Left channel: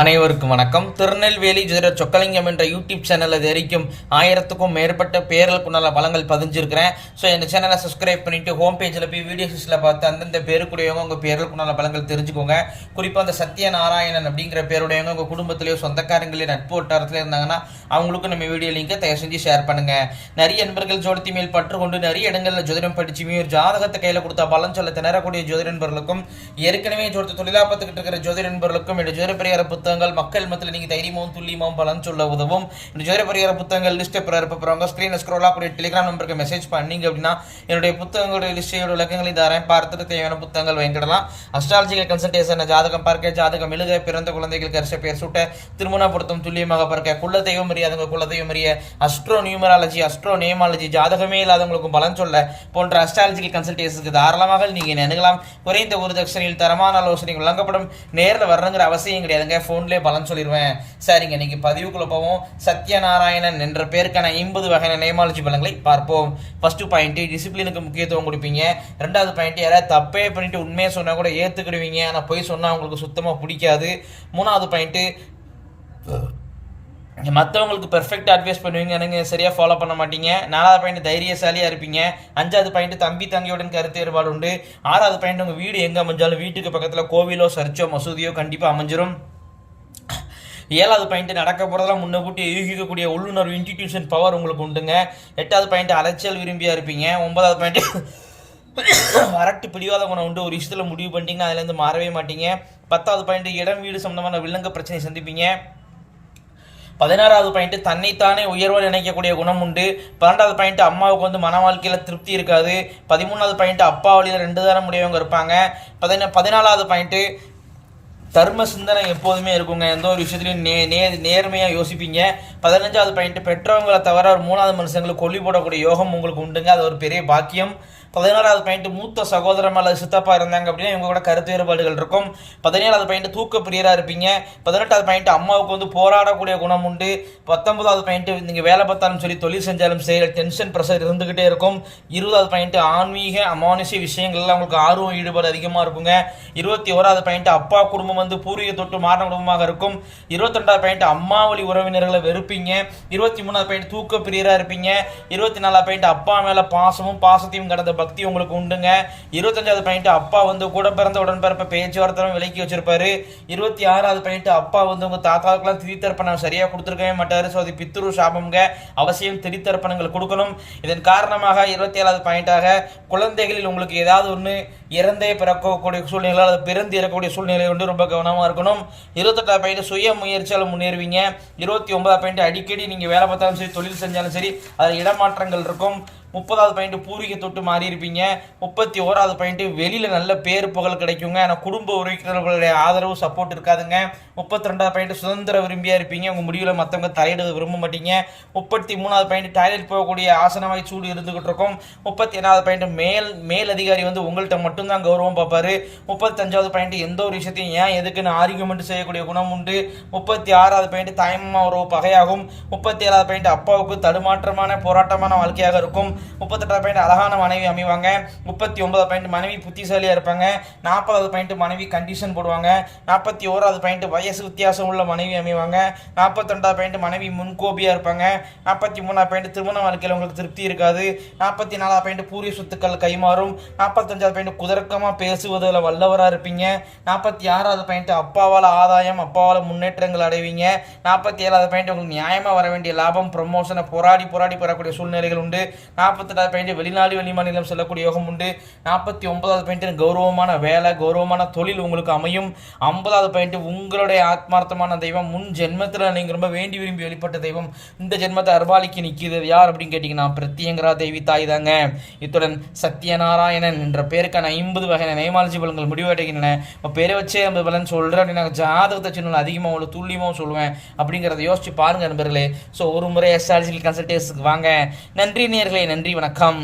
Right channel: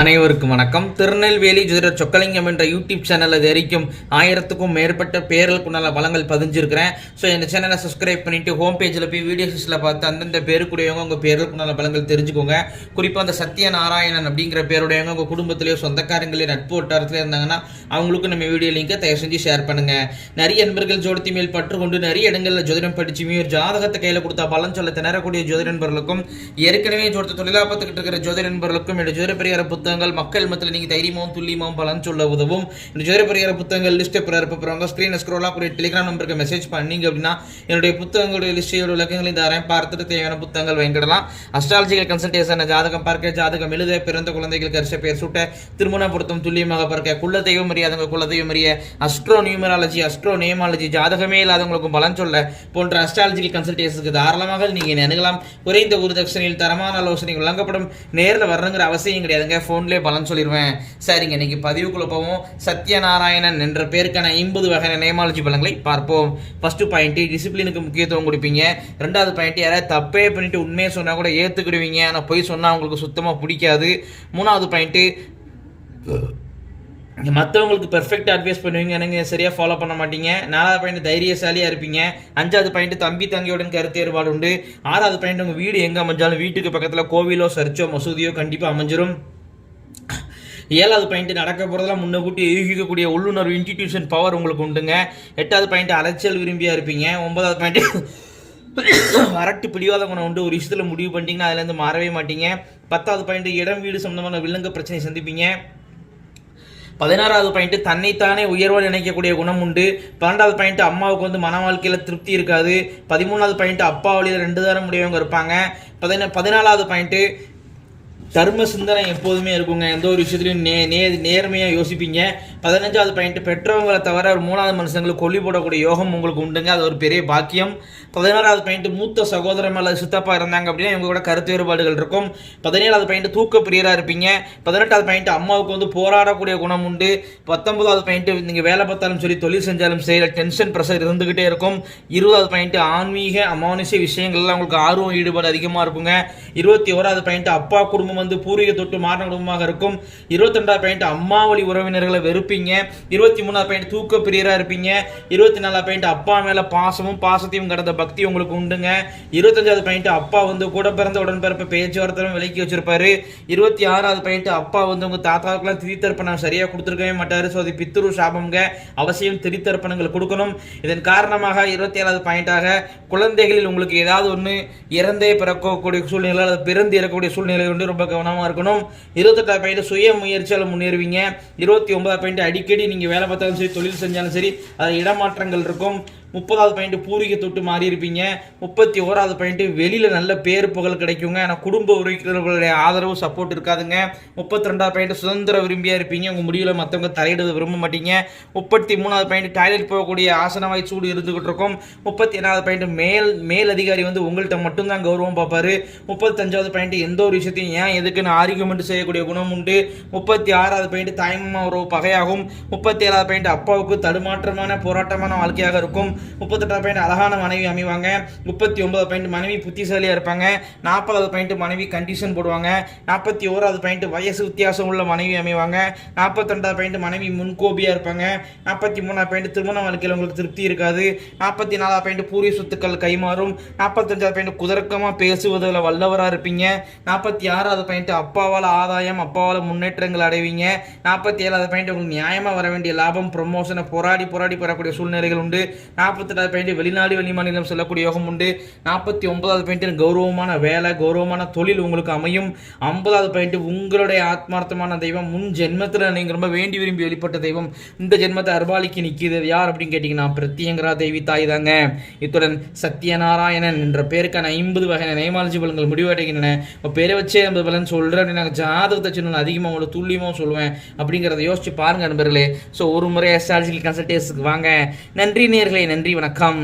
அனைவருக்கும் வணக்கம். திருநெல்வேலி ஜோதிடர் சொக்கலிங்கம் என்ற யூடியூப் சேனலில் அது வரைக்கும் ஆயிரத்துக்கும் மேற்பட்ட பேர்களுக்குண்டான பலங்கள் பதிஞ்சிருக்கிறேன். ஸோ இந்த சேனலை சப்ஸ்கிரைப் பண்ணிட்டு ஹோம் பேஜில் போய் வீடியோஸில் பார்த்து அந்தந்த பேருக்குடையவங்க உங்கள் பேர்களுக்குண்டான பலங்கள் தெரிஞ்சுக்கோங்க. குறிப்பாக அந்த சத்யநாராயணன் அப்படிங்கிற பேருடையவங்க உங்கள் குடும்பத்திலேயோ சொந்தக்காரங்களே நட்பு வட்டாரத்தில் இருந்தாங்கன்னா அவங்களுக்கும் நம்ம வீடியோ லிங்கை தயவு செஞ்சு ஷேர் பண்ணுங்கள் நிறைய நண்பர்கள் ஜோடத்தி மேல் பற்று கொண்டு நிறைய இடங்களில் ஜோதிடம் படிச்சுமே ஒரு ஜாதகத்தை கையில் கொடுத்தா பலன் சொல்ல திணறக்கூடிய ஜோதிட நண்பர்களுக்கும் ஏற்கனவே ஜோதிட தொழிலாக பார்த்துக்கிட்டு இருக்கிற ஜோதிட நண்பர்களுக்கும் என்னுடைய ஜோதிட பரிகார புத்தகங்கள் மக்கள் மத்தியில் நீங்கள் தைரியமும் துல்லியமும் பலன் சொல்ல உதவும். இந்த ஜோதிட பரிகார புத்தகங்கள் லிஸ்ட் பிறப்பறவங்க ஸ்க்ரீன் ஸ்க்ரோல் ஆகக்கூடிய டெலிகிராம் நம்பருக்கு மெசேஜ் பண்ணீங்க அப்படின்னா என்னுடைய புத்தகங்களுடைய லிஸ்டையோட விளக்கங்களையும் தரேன். பார்த்துட்டு தேவையான புத்தகங்கள் வாங்கிடலாம். அஸ்ட்ராலஜிக்கல் கன்சல்டேஷன் ஜாதகம் பார்க்க ஜாதகம் எழுத பிறந்த குழந்தைகளுக்கு அரிச பேர் சூட்ட திருமண பொருத்தம் துல்லியமாக பார்க்க குல தெய்வம் அறியாதவங்க குல தெய்வம் அறிய அஸ்ட்ரோ நியூமராலஜி அஸ்ட்ரோ நேமாலஜி ஜாதகமே இல்லாதவங்களுக்கும் பலன் சொல்ல போன்ற அஸ்ட்ராலஜிக்கல் கன்சல்டேஷனுக்கு தாராளமாக நீங்கள் நினைக்கலாம் குறைந்த ஒரு தட்சணையில் தரமான ஆலோசனை வழங்கப்படும். நேரில் வரணுங்கிற அவசியம் கிடையாதுங்க. ஃபோன்லேயே பலன் சொல்லிடுவேன் சரிங்க இன்னைக்கு பதிவுக்குள்ளே போவோம். சத்யநாராயணன் என்ற பேருக்கான ஐம்பது வகையான நேமாலஜி பலங்களை பார்ப்போம். ஃபர்ஸ்ட் பாயிண்ட்டு டிசிப்ளினுக்கு முக்கியத்துவம் கொடுப்பீங்க. ரெண்டாவது பாயிண்ட் யாராவது தப்பே பண்ணிட்டு உண்மையை சொன்னால் கூட ஏற்றுக்கிடுவீங்க ஆனால் பொய் சொன்னால் உங்களுக்கு சுத்தமாக பிடிக்காது. மூணாவது பாயிண்ட்டு மற்றவங்களுக்கு பெர்ஃபெக்ட் அட்வைஸ் பண்ணுவீங்க. நீங்கள் சரியாக ஃபாலோ பண்ண மாட்டீங்க. நாலாவது பாயிண்ட் தைரியசாலியாக இருப்பீங்க. அஞ்சாவது பாயிண்ட் தம்பி தங்கையுடன் கருத்து ஏற்பாடு உண்டு. ஆறாவது பாயிண்ட் உங்கள் வீடு எங்கே அமைஞ்சாலும் வீட்டுக்கு பக்கத்தில் கோவிலோ சர்ச்சோ மசூதியோ கண்டிப்பாக அமைஞ்சிரும். ஏழாவது பாயிண்ட் நடக்க போகிறதெல்லாம் முன்னகூட்டி யூகிக்கக்கூடிய உள்ளுணர்வு இன்ஸ்டிடியூஷன் பவர் உங்களுக்கு உண்டுங்க. எட்டாவது பாயிண்ட் அலைச்சல் விரும்பியா இருப்பீங்க. ஒன்பதாவது பாயிண்ட் வரட்டு பிடிவாத குணம் உண்டு. ஒரு விஷயத்தில் முடிவு பண்ணிட்டீங்கன்னா அதுலேருந்து மாறவே மாட்டீங்க. பத்தாவது பாயிண்ட் இடம் வீடு சம்பந்தமான வில்லங்க பிரச்சனையை சந்திப்பீங்க. பதினாறாவது பாயிண்ட் தன்னைத்தானே உயர்வு நினைக்கக்கூடிய குணம் உண்டு. பன்னெண்டாவது பாயிண்ட் அம்மாவுக்கு வந்து மன வாழ்க்கையில் திருப்தி இருக்காது. பதிமூணாவது பாயிண்ட் அப்பா வழியில் ரெண்டு தாரம் முடியவங்க இருப்பாங்க. பதினா பதினாலாவது பாயிண்ட்டு தர்ம சிந்தனை எப்போதுமே இருக்குங்க. எந்த ஒரு விஷயத்துலையும் நே நே நேர்மையாக யோசிப்பீங்க. பதினஞ்சாவது பாயிண்ட் பெற்றவங்களை தவிர ஒரு மூணாவது மனுஷங்களுக்கு கொல்லி போடக்கூடிய யோகம் உங்களுக்கு உண்டுங்க. அது ஒரு பெரிய பாக்கியம். பதினாறாவது பாயிண்ட் மூத்த சகோதரம் அல்லது சித்தப்பா இருந்தாங்க அப்படின்னா இவங்க கூட கருத்து வேறுபாடுகள் இருக்கும். பதினேழாவது பாயிண்ட் தூக்க பிரியராக இருப்பீங்க. பதினெட்டாவது பாயிண்ட் அம்மாவுக்கு வந்து போராடக்கூடிய குணம் உண்டு. பத்தொன்பதாவது பாயிண்ட் நீங்கள் வேலை பார்த்தாலும் சரி தொழில் செஞ்சாலும் சரி டென்ஷன் ப்ரெஷர் இருந்துகிட்டே இருக்கும். இருபதாவது பாயிண்ட் ஆன்மீக அமானுஷ விஷயங்கள்லாம் உங்களுக்கு ஆர்வம் ஈடுபாடு அதிகமாக இருக்குங்க. இருபத்தி ஓராவது பாயிண்ட் அப்பா குடும்பம் வந்து பூர்வீக தொட்டு மாறின குடும்பமாக இருக்கும். இருபத்தி ரெண்டாவது பாயிண்ட் அம்மாவளி உறவினர்களை வெறுப்பீங்க. இருபத்தி மூணாவது பாயிண்ட் தூக்க பிரியராக இருப்பீங்க. இருபத்தி நாலாவது பாயிண்ட் அப்பா மேலே பாசமும் பாசத்தையும் கடந்த பக்தி உங்களுக்கு உண்டுங்க. இருபத்தஞ்சாவது பாயிண்ட் அப்பா வந்து கூட பிறந்த உடன்பிறப்ப பேச்சுவார்த்தை விலக்கி வச்சிருப்பாரு. இருபத்தி ஆறாவது பாயிண்ட் அப்பா வந்து உங்கள் தாத்தாவுக்குலாம் திரித்தர்ப்பணம் சரியாக கொடுத்துருக்கவே மாட்டார். ஸோ அது பித்துரு சாபம்ங்க. அவசியம் திரித்தர்ப்பணங்கள் கொடுக்கணும். இதன் காரணமாக இருபத்தி ஏழாவது பாயிண்டாக குழந்தைகளில் உங்களுக்கு ஏதாவது ஒன்று இறந்தே பிறக்கக்கூடிய சூழ்நிலை அல்லது பிறந்து இறக்கக்கூடிய சூழ்நிலை வந்து ரொம்ப கவனமாக இருக்கணும். இருபத்தெட்டாவது பாயிண்ட் சுய முயற்சியால் முன்னேறுவீங்க. இருபத்தி ஒன்பதாவது பாயிண்ட் அடிக்கடி நீங்கள் வேலை பார்த்தாலும் சரி தொழில் செஞ்சாலும் சரி அது இடமாற்றங்கள் இருக்கும். முப்பதாவது பாயிண்ட் பூர்வீக தொட்டு மாறி இருப்பீங்க முப்பத்தி ஓராவது பாயிண்ட் வெளியில நல்ல பேரு புகழ் கிடைக்குங்க. ஆனால் குடும்ப உறவினர்களுடைய ஆதரவு சப்போர்ட் இருக்காதுங்க. முப்பத்தி ரெண்டாவது பாயிண்ட் சுதந்திர விரும்பியா இருப்பீங்க. உங்க முடிவில் மற்றவங்க தலையிட விரும்ப மாட்டீங்க. முப்பத்தி மூணாவது பாயிண்ட் டாய்லெட் போகக்கூடிய ஆசனவாய் சூடு இருந்துகிட்டு இருக்கும். முப்பத்தி ஏழாவது பாயிண்ட் மேல் மேல் அதிகாரி வந்து உங்கள்கிட்ட மட்டும்தான் கௌரவம் பார்ப்பாரு. முப்பத்தஞ்சாவது பாயிண்ட் எந்த ஒரு விஷயத்தையும் ஏன் எதுக்குன்னு ஆர்குமெண்ட் செய்யக்கூடிய குணம் உண்டு. முப்பத்தி ஆறாவது பாயிண்ட் தாய்மா உறவு பகையாகும். முப்பத்தி ஏழாவது பாயிண்ட் அப்பாவுக்கு தடுமாற்றமான போராட்டமான வாழ்க்கையாக இருக்கும். முப்பத்தெட்டாவது பாயிண்ட் அழகான மனைவி அமைவாங்க. முப்பத்தி ஒன்பதாவது பாயிண்ட் மனைவி புத்திசாலியாக இருப்பாங்க. நாற்பதாவது பாயிண்ட் மனைவி கண்டிஷன் போடுவாங்க. நாற்பத்தி ஓராவது பாயிண்ட் வயசு வித்தியாசம் உள்ள மனைவி அமைவாங்க. நாற்பத்தி ரெண்டாவது பாயிண்ட் மனைவி முன்கோபியாக இருப்பாங்க. நாற்பத்தி மூணாவது பாயிண்ட் திருமண வாழ்க்கையில் உங்களுக்கு திருப்தி இருக்காது. நாற்பத்தி நாலாவது பாயிண்ட் பூரிய சொத்துக்கள் கைமாறும். நாற்பத்தஞ்சாவது பாயிண்ட் குதர்க்கமாக பேசுவதில் வல்லவராக இருப்பீங்க. நாற்பத்தி ஆறாவது பாயிண்ட் அப்பாவால் ஆதாயம் அப்பாவால் முன்னேற்றங்கள் அடைவீங்க. நாற்பத்தி ஏழாவது பாயிண்ட் உங்களுக்கு நியாயமாக வர வேண்டிய லாபம் ப்ரொமோஷனை போராடி போராடி பெறக்கூடிய சூழ்நிலைகள் உண்டு. நாற்பத்தெட்டாவது பாயிண்ட் வெளிநாடு வெளிமாநிலம் செல்லக்கூடிய யோகம் உண்டு. நாற்பத்தி ஒன்பதாவது பாயிண்ட் கௌரவமான வேலை கௌரவமான தொழில் உங்களுக்கு அமையும். ஐம்பதாவது பாயிண்ட் உங்களுடைய ஆத்மார்த்தமான தெய்வம். முன் ஜென்மத்தில் நீங்கள் ரொம்ப வேண்டி விரும்பி வெளிப்பட்ட தெய்வம். இந்த ஜென்மத்தை அர்பாலிக்கு நிற்கிது யார் அப்படின்னு கேட்டிங்கன்னா பிரத்யங்கரா தேவி தாய் தாங்க. இத்துடன் சத்யநாராயணன் என்ற பேருக்கான ஐம்பது வகையான நேமாலஜி பலன்கள் முடிவடைகின்றன. இப்போ பேரை வச்சே ஐம்பது பலன் சொல்கிறேன் அப்படின்னு நாங்கள் ஜாதகத்தை சின்ன அதிகமாக ஒரு துல்லியமாக சொல்லுவேன் அப்படிங்கிறத யோசிச்சு பாருங்க நண்பர்களே. ஸோ ஒரு முறை அஸ்ட்ராலஜிக்கல் கன்சல்டேஷனுக்கு வாங்க. நன்றி நேர்களே நன்றி வணக்கம்.